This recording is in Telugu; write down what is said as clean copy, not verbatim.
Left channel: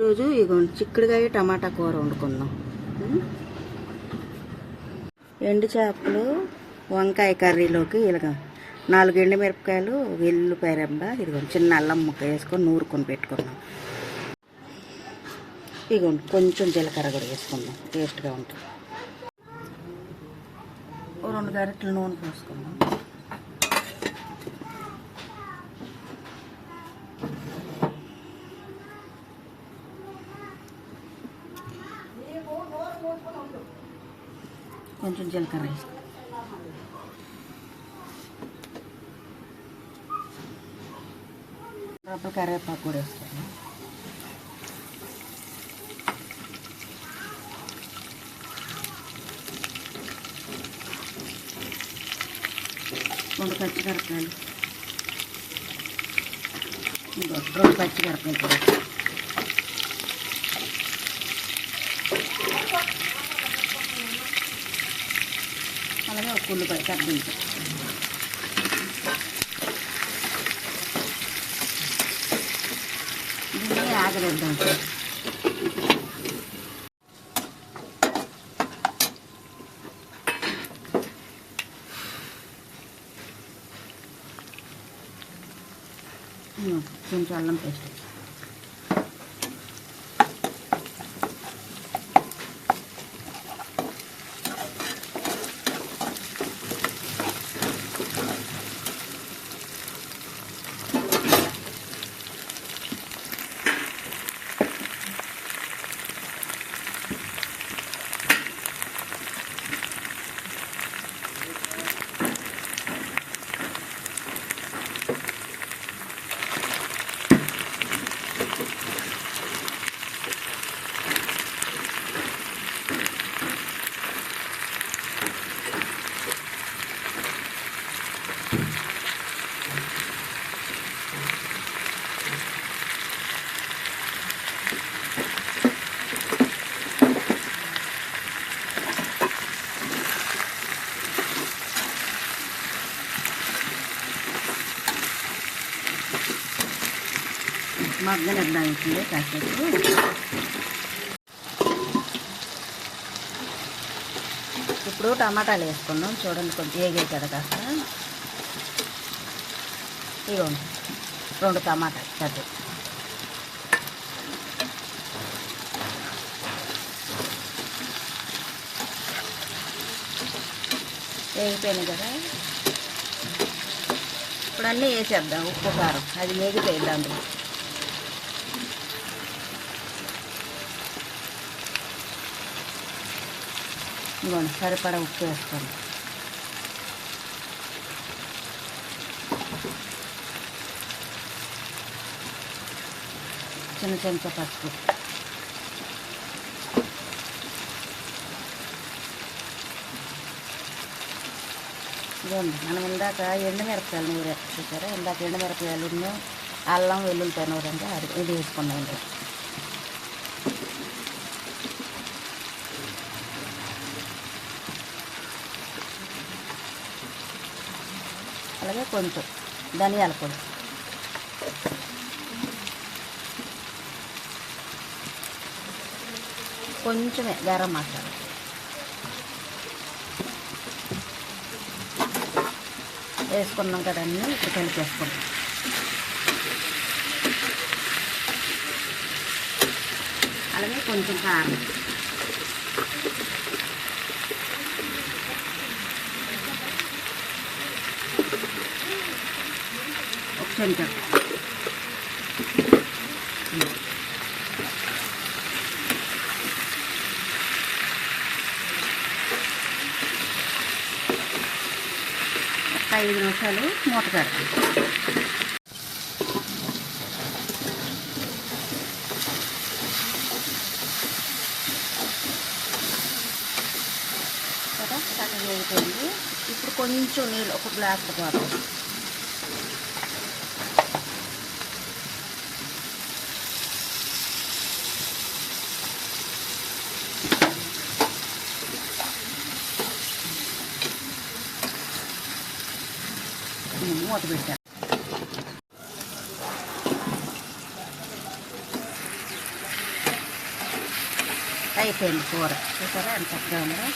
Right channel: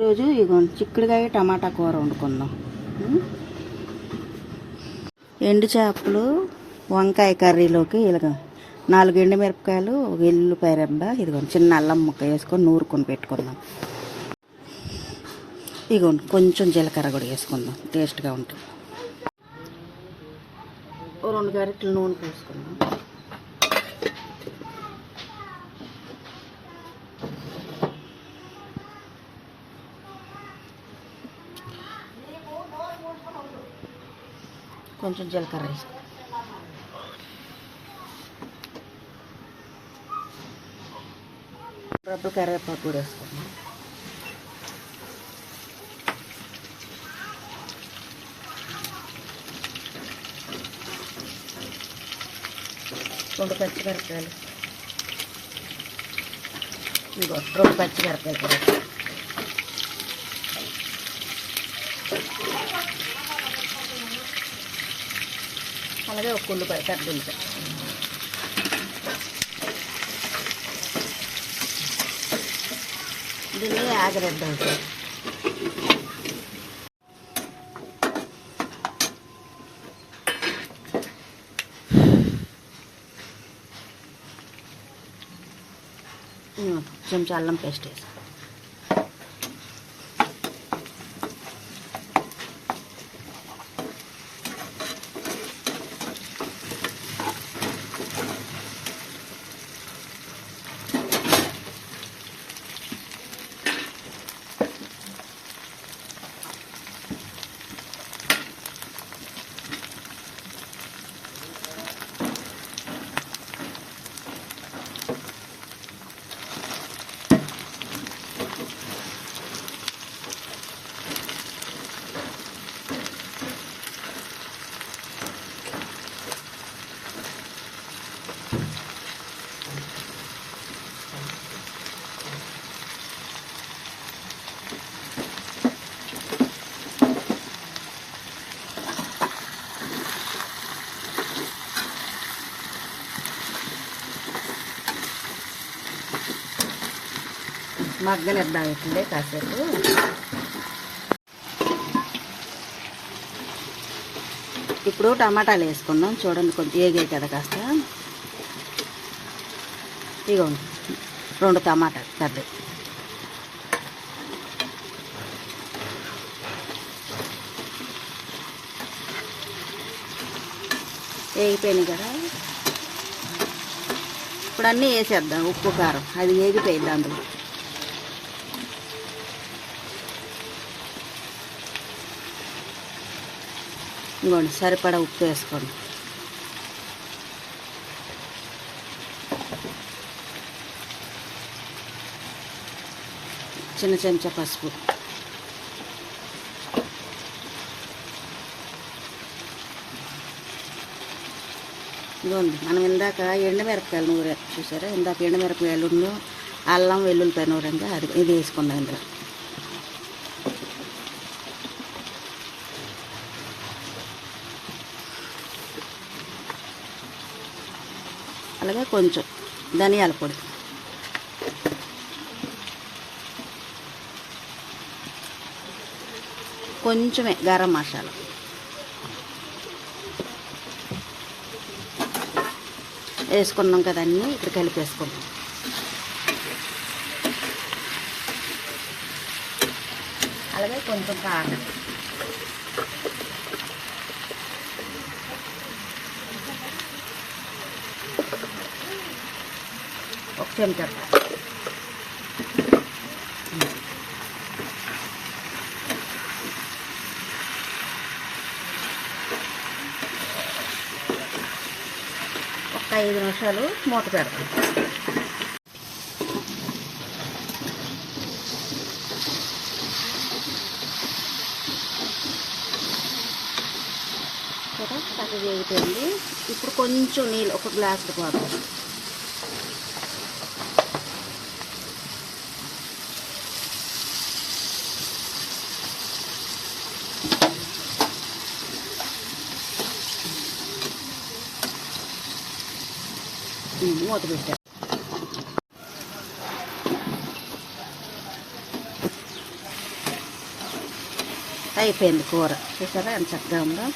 ఈరోజు ఇగోండి చిక్కుడుకాయ టమాటా కూర వండుకుందాం. ఎండు చేపలు వంకాయ కర్రీలోకి ఇలాగ 4 ఎండుమిరపకాయలు, వెల్లుల్లిపాయ రెబ్బ, ఇదిగోండి చిన్న అల్లం ముక్క వేసుకొని నూరుకొని పెట్టుకుందాం. ఇగోండి కొంచెం జీలకర్ర కూడా వేసుకుందాం, టేస్ట్గా ఉంటుంది. 2 గరిటెలు నూనె పోసుకుందాం. కొంచెం జీలకర్ర వేసుకుందాం. రబ్బు కరివేపాకు కూడా వేసుకుందాం. రెండు పచ్చిమిరపకాయలు, 2 పచ్చిమిరపకాయలు కూడా, అలాగే ఒక ఉల్లిపాయ కట్టించు. దీన్ని ఆగబెద్దాం. కొంచెం అల్లం పేస్ట్ వేసి మగ్గనిద్దాం. అవుతుంది కాసేపు. ఇప్పుడు టమాటాలు వేసుకుందాం. చూడండి కొంచెం ఏగాయి కదా కాస్త. ఇవ్వండి 2 టమాటాలు పెద్ద. వేగిపోయింది కదా. ఇప్పుడు అన్నీ వేసేద్దాం. ఉప్పు కారం అది వేగిపోయింది అందులో. ఇంకోండి సరిపడా ఉప్పు వేసుకోండి. చిన్న చెంచా పసుపు. ఇదిగోండి మనం ఇందాక ఎండుమిరపకాయలు నూరు చూసారా. ఇందాక ఎండుమిరపకాయలు అల్లం వెల్లుల్లిపాయ నూరంగా అది ఇది వేసుకుందాం. అలాగే కొంచెం ధనియాల పొడి, కొంచెమే గరం మసాలా వేసుకున్నాం కదా. అన్నీ ఇప్పుడు కలిపేసుకుంటాం. అలాగే కొంచెం కారం, ఒక చెంచా, ఒక 5 నిమిషాలు మూత పెడతాం. కదా చక్కగా వేగిపోయింది. ఇప్పుడు కొంచెం నీళ్ళు, 1 గ్లాసు పోతాం. మూత పెట్టాను. అయిపోయింది కూర. చూసారా ఎంత చక్కగా ఉందో.